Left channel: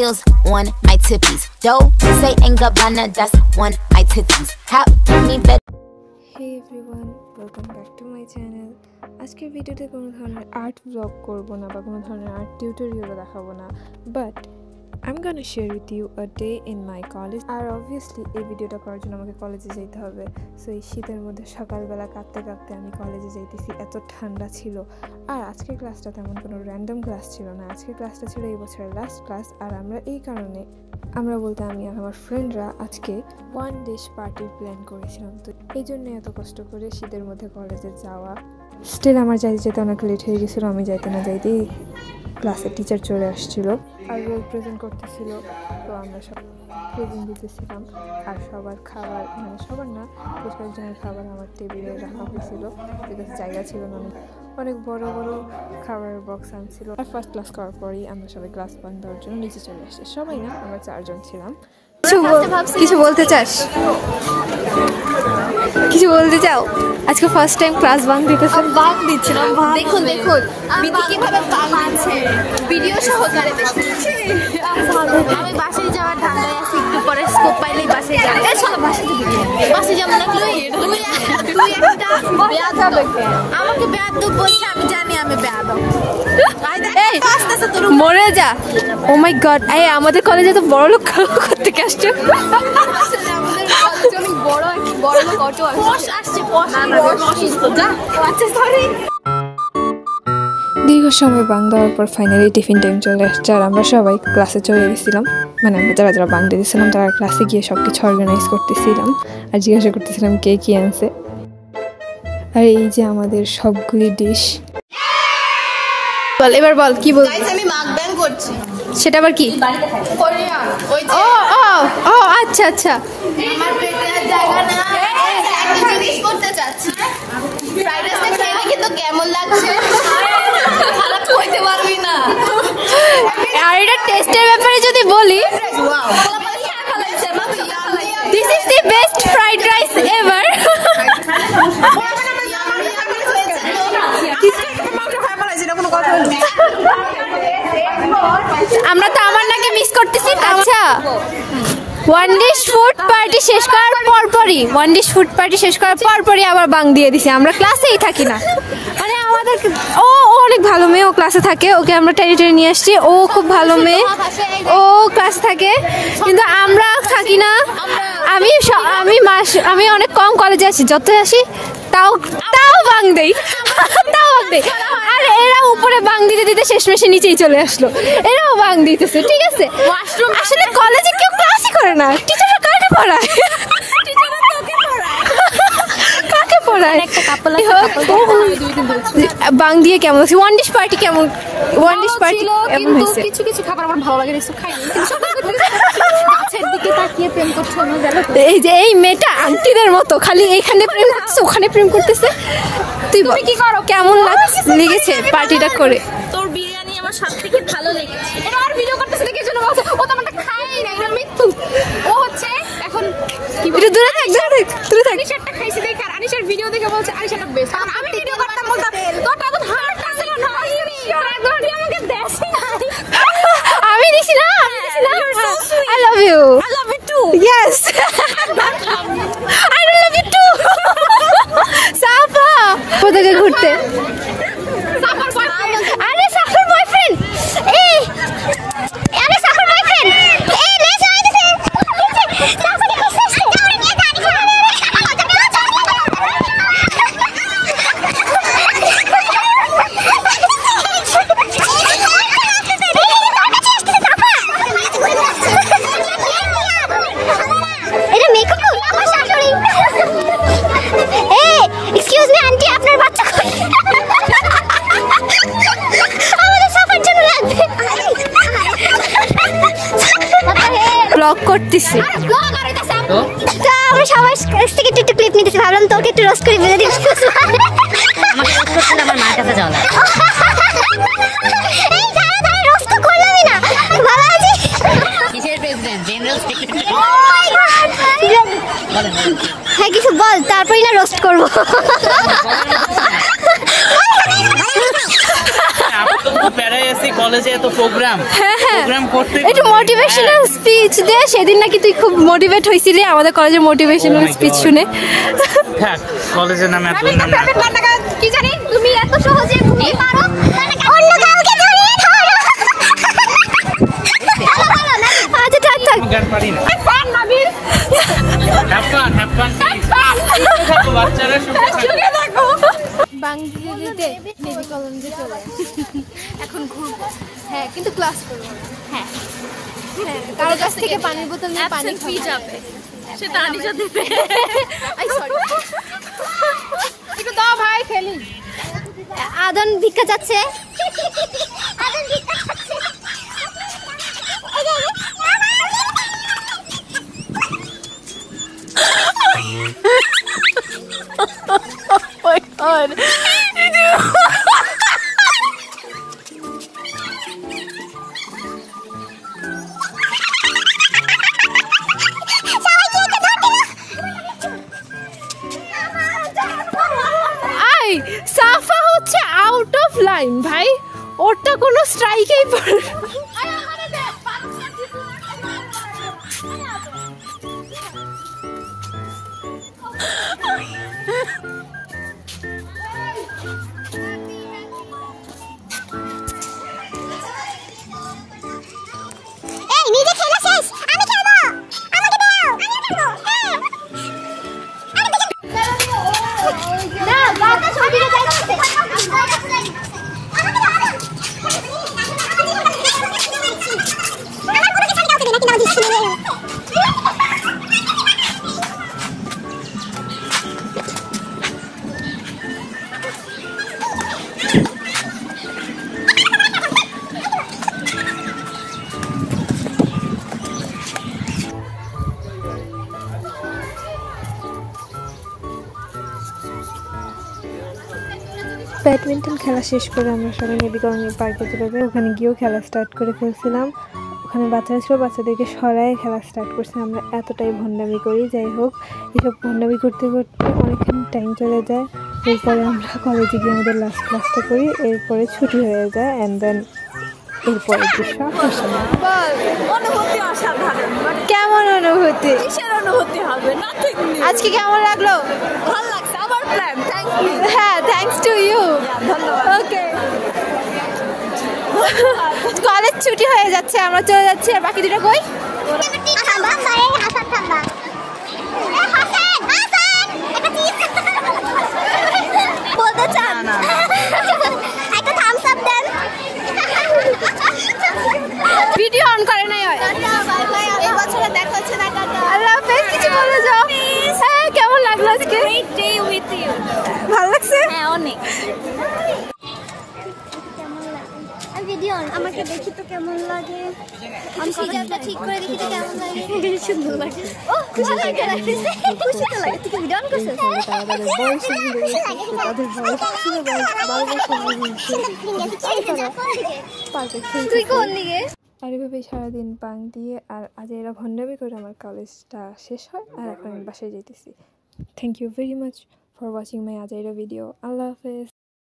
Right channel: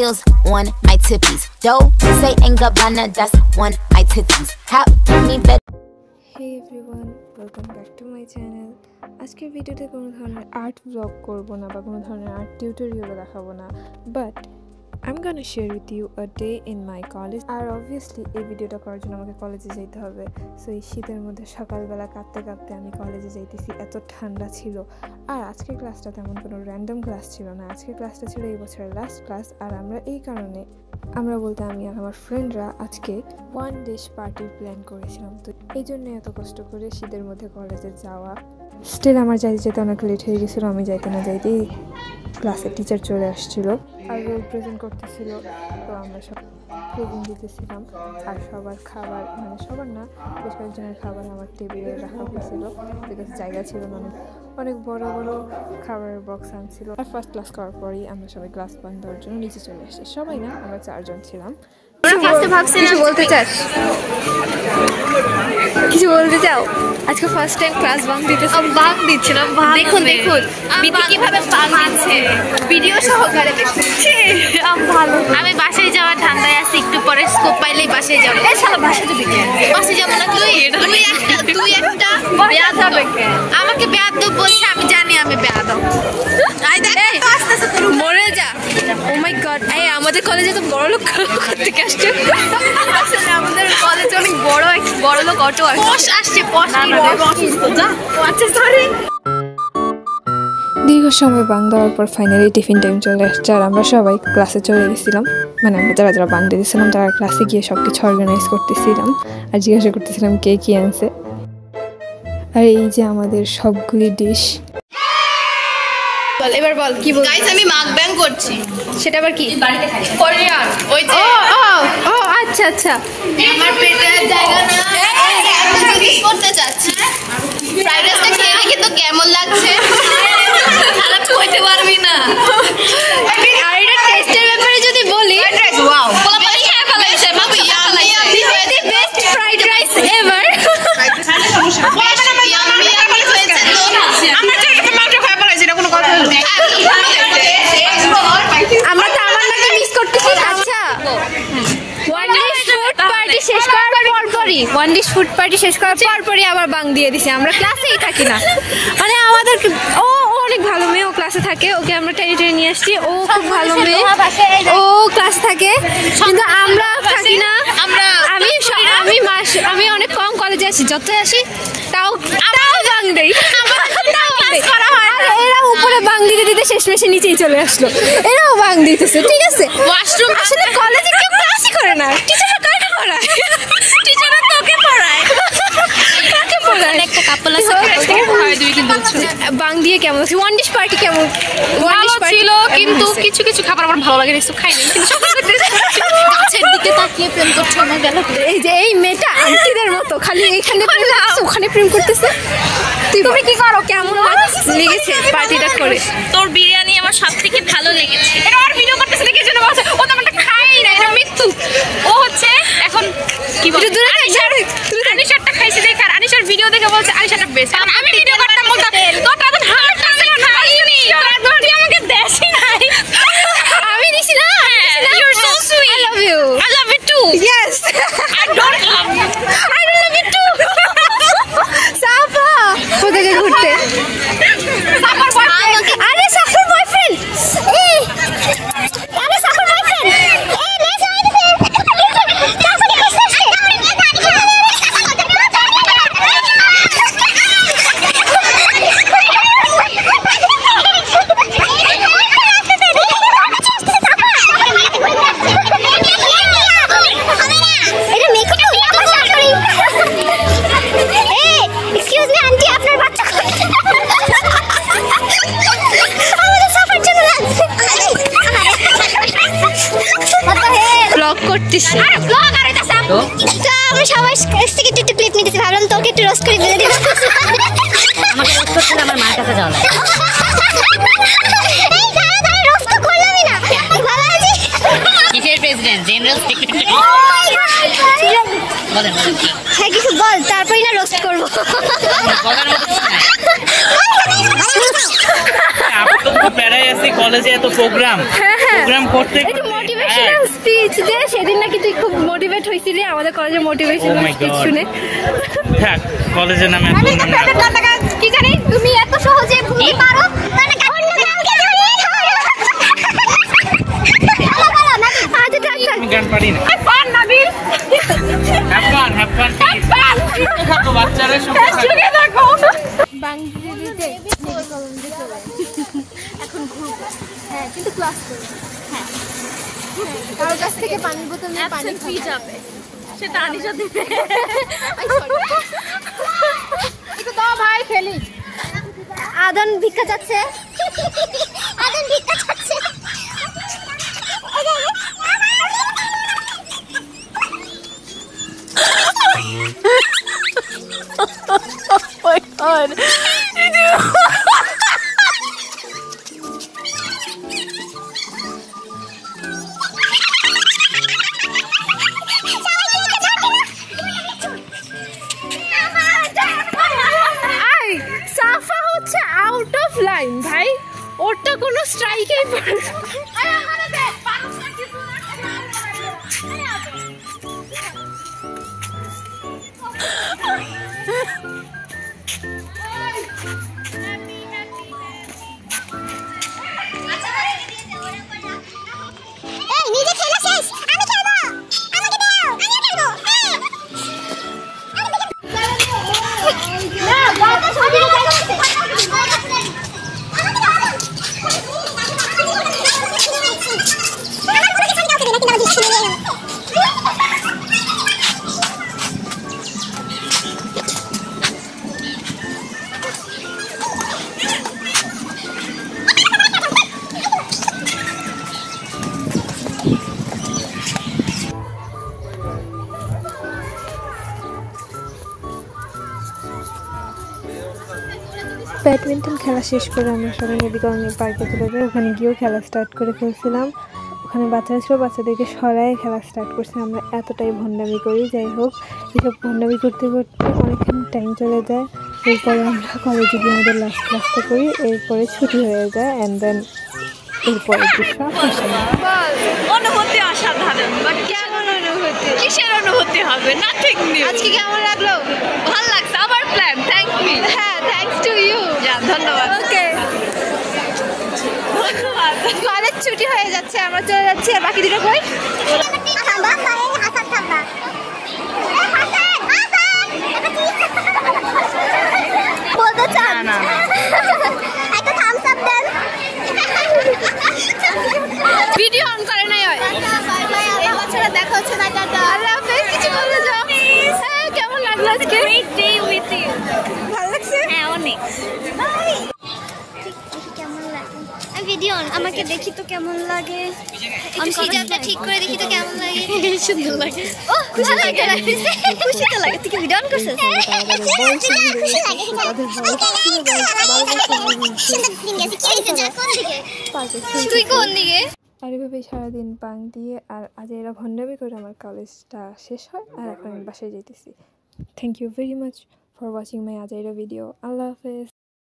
heels on my tippies. Dough, say ain't Gabbana, that's on my titties. How me better. Hey everyone, welcome back to my channel. আজকের ভিডিওতে কোনো ধরনের art blog করব না বা কোনো ধরনের আর্ট টিউটোরিয়ালও দেখাবো না, but I'm gonna share with you a day in my college. আর obviously এই ভিডিওটা করার জন্য আমাকে কলেজে যেতে হবে। সো এই শীতের মধ্যে সকালবেলা কাঁপতে কাঁপতে আমি কলেজে যাইতেছি, এত ঠান্ডা ছিল। আর আজকের ক্লাসটা তেমন কোনো র্যান্ডম ক্লাস ছিল না, আজকের ক্লাসটা ছিল এই বছরের লাস্ট ক্লাস। আর আমরা এই কারণে বলতে আমি আর আমার ফ্রেন্ডরা আজকে ওয়ান ডিশ পার্টির প্ল্যান করেছিলাম। তো এই জন্য এত কষ্ট করে শীতের মধ্যে কলেজে যাওয়া। স্টিল আমার যাইতে যেতে অনেক লেট হয়ে গেছিলো। আমি যাইতে না যাইতেই ক্লাসের টিচার চলে আসছিলো আর রোল প্রেজেন্ট করতেছিল। তো আমরা সব প্রেজেন্ট দিতেছিলাম আর সবার খাবার, মানে সবার না, বেশ কয়েকজনের খাবার আমার টেবিলে রাখা হয়েছিল, বিকজ জায়গা ছিল না। অনেক বড় বড় খাবারের বক্স আনছিল। আর ফার্স্ট ক্লাস করার পরই আমরা সবাই ক্লাস বাঙ্ক দেওয়ার জন্য নিচে চলে আসছি। সবাই না, আমরা 4 জন ছিলাম। কিছু বলতে চাস? কিছু বলতে চাও? আজকে ফার্স্ট টাইম ক্লাস বাঙ্ক দিতেছি। বাঙ্ক দিচ্ছিলাম। দেখুন দেখুন বিধি কিভাবে বাঙ্ক দিচ্ছে, ভিডিও সহকারে দেখুন। আমি বাসায় যাওয়ার ধান্দায় আছি, একটু পরে স্কোপ পাইলেই বাসায় যাবো। এই শালা বাসায় যাবি কেন? বাসায় যাবো না তুই একটা বেয়াদব। আমাকে বেয়াদব বলছে, আমি জানি আমি বেয়াদব। মরে যা। ও মাই গড, আমাদের কলেজে তো বড় লোক করতে আসছে। আমাদের কলেজে অনেক বড় লোক অটো আসছে। দীর্ঘ সময় বাং দেওয়ার পর ফাইনালি টিফিন টাইম চলে আসছে। আর আমরা সবাই ক্লাসে চলে গেছিলাম, মানে আমরা যারা যারা বাং দিয়েছিলাম তারা ক্লাসে গিয়ে সব কিছু অর্গানাইজ করতেছিলাম আর জিজ্ঞাসা করতেছিলাম কে কি আনছে। আর এই যে আমাদের সবগুলি ডিশ। এবার বল কি বল। গাইস আমি মাকব্যাং করছি। সেটা আবার কি? কোরিয়ান। ওই যে ও আচ্ছা আচ্ছা। আমার পেটে জায়গা না, আমি জিজ্ঞেস করতে চাচ্ছি ফ্রাইড রাইসটা খেয়ে দেখি তো কেমন লাগছে। খারাপ কইতে পারবি না। আর এটা টেস্টের ব্যাপারে যদি বলি, ওয়াও পোলাপানি খেয়ে ফেলাইছে। মাগো yummy, this is the best fried rice ever. Yummy হয়েছে তো। আমরা তো একটা মাত্র খাই ফেলাইছি, এটা কোনো কথা হলো? আমরা তো আমার নাকি মিস করতেছি। আচ্ছা, ওয়ান ডিশ ফুড পার্টি শেষ করার পরপরই আবার বাং দিয়ে দিছে। আমরা ক্লাসেই থাকি না, মানে আমাদের ও অনেক ভালো মেয়ে, ও ক্লাসে থাকে, ওকে আমরা টেনে নিয়ে আসছি। ও খুব ভালো মেয়ে, ও ক্লাস থাকে, কিন্তু আমরা থাকি না। আমি অনেক কম কলেজে আসি, যতই আসি তাও বাং দেই। আর এরা উপরে বাং দিতে দিতে শেষমেশে নিচেই চলে আসলো, এরাও বাং দিতেছে। ঠিক আছে, ওয়াশরুম আসলে কলেজে কেউ ক্লাসই করে না। টিচাররা কাকে পড়ায়? টিচাররা তোকে পড়ায়। কাকে পড়ায়? একটা কাপল আছে, বাং দিয়ে কেমন আছে? ওয়ান ডিশ পার্টি কেমন? ওয়ান ডিশ পার্টি ছিল, কিন্তু কিছু কিছু খাবার আমার ভালো লাগে না, কিছু খাই না। কিন্তু গাছের দিকে তাকিয়ে প্রেম করছে আমার গেল। এই যে এই মেয়েটা আন্টিদের মতো খালি এইখানে ওখানে প্রেম করতেছে। তুই কি করো? কেমন লেগেছে পার্টিটা করে? তোর বিরিয়ানি আমার সবথেকে ভালো লেগেছে। এটা আর ভিডিও করতেছ না, কি জন্য বলছে? ও তো আমারটা খাই না, এটা মৃত্যু। ও হচ্ছে এখন কি বলে, আনিশারটা খাইছে দেখে, আর আনিশার ভিডিও দেখে বলছে আনিশারটা বেস্ট। কারণ আমি ভিডিও করতাম বলতাম তোরটা এখন হার্ট আছে না, খাইনি তুই আমাকে দেশই নাই। আমি দিছি না। You are so sweet. I love you. I love you too. Yes, I don't love you. I love you too. Safa কোথায় ঘুরতে? আরে সাফার বয়ফ্রেন্ড। আরে সাফার বয়ফ্রেন্ড। নে যাই দিতে। সাফার কাছে ব্লগ করতেছি। তো আমরা সবাই থেকে একটু ক্লিপ নিতেছি, ভাবলাম তোকে একটু রোস্ট করে দিয়ে দিই। আমাকে রোস্ট করতে না, আমার মার কাছে যাওয়া লাগে। এই দাঁড়া রোস্ট তো করলামই না। বাবাজি কিসের president? General secretary. Oh my God, বলেন হ্যাঁ কিছু বল, তারপরেই না রোস্ট করবো। বলার মতো কিছু নাই। প্যারাই আছি কলেজে এত প্রোগ্রাম করতে একটু মোটিভেশনাল স্পিচ দে সেদিন নাকি তুই খুব মোটিভেট হইছিলি আমাদের কলেজের মোটিভেশনাল স্পিচ শুনে থাক কলেজের নামে এত নাম কি জানি তুমি এত সহজে ভুলতে পারো অন্য কাউকে ধরে আচ্ছা থাক থাক আমি গান পারি না ফান নাবিল হ্যাভ ফান বাচ্চারা সুখে থাকো বাংলাদেশে মেডি কলম দিয়ে চলে এখন ঘুরবো হ্যাঁ কিন্তু ক্লাস করব হ্যাঁ কারো কাছ থেকে পানির বোতল নিয়ে পানি ফ্রি যাবে সেটা আনিশা দিবে আই সরি একটু দাও ভাই খেলি আদন ভিক্ষা যাচ্ছে আদন ভিক্ষা যাচ্ছে Oh my god. এই সাফা হচ্ছে আউট অফ লাইন ভাই ওটা কোনো স্ট্রাইকেই পড়ে নিজে খেলা শেষ আমি খেলবো আমাকে দাও আমিও খেলবো না বাবা ছবিটা যাইতেছে ব্যাডমিন্টন খেলা শেষ করে আমরা সবাই নেবি কলোনি পার্কে চলে যাই ওখানে গিয়েও খেলা স্টার্ট করে ফেলছিলাম ওখানে বাচ্চারা ছিল বাচ্চাদেরকে সরাই খেলা স্টার্ট করছে আমরা এতটাই ভণ্ডামি করি যাই হোক এসব ভণ্ডামি করতে করতে অনেকখানি টাইম চলে যায় এরপরে আমরা কলেজে গিয়ে আমাদের লাস্ট ক্লাসটা করি এরপরে ছুটি হয়ে যায় অ্যান্ড দেন এরপরের দৃশ্য অনুভূতি অসাধারণ বাট কেমন অনুভূতি কিসের অনুভূতি হবে নাথিং নিউ আজকে কেমন লাগলো ভালো লাগছে আবার প্ল্যান থ্যাংক ইউ হ্যাঁ থ্যাঙ্কস টু ইউ ধন্যবাদ ওকে কলেজ ছুটি হয়ে যাচ্ছে আমরা চলে যাচ্ছি আর বাকি দুটো কই থামবা পরে হাসান থামবা বলতে চান না একটা থামস আপ দেন ভিডিও অন করে নাই হয় বাই বাই এই বছরে দেখা হচ্ছে না টাটা আল্লাহ হাফেজ কিছু বলে যাও হ্যাঁ কেমন লাগলো আজকে গ্রেট ডে উইথ ইউ ভালো লাগছে হ্যাঁ অনেক কেমন লাগে আমি ভিডিও আমাকে দেখি তো কেমন লাগে আমি সিজারটা ঠিক করে দেখি তো কেমন লাগে সুন্দর লাগে ও খুশি লাগে খুশি তো লাগে তুই কি ভিডিও অন করছিস তুই কোন দিকে আর এভাবেই সারাদিন পাং দিয়ে আর আজ এরা ভণ্ডামি করে আমার কলেজটা শেষ হয় আর এখন আমি বাসায় যেতেছি thank you very much for watching my আজাইরা ভিডিও আল্লাহ হাফেজ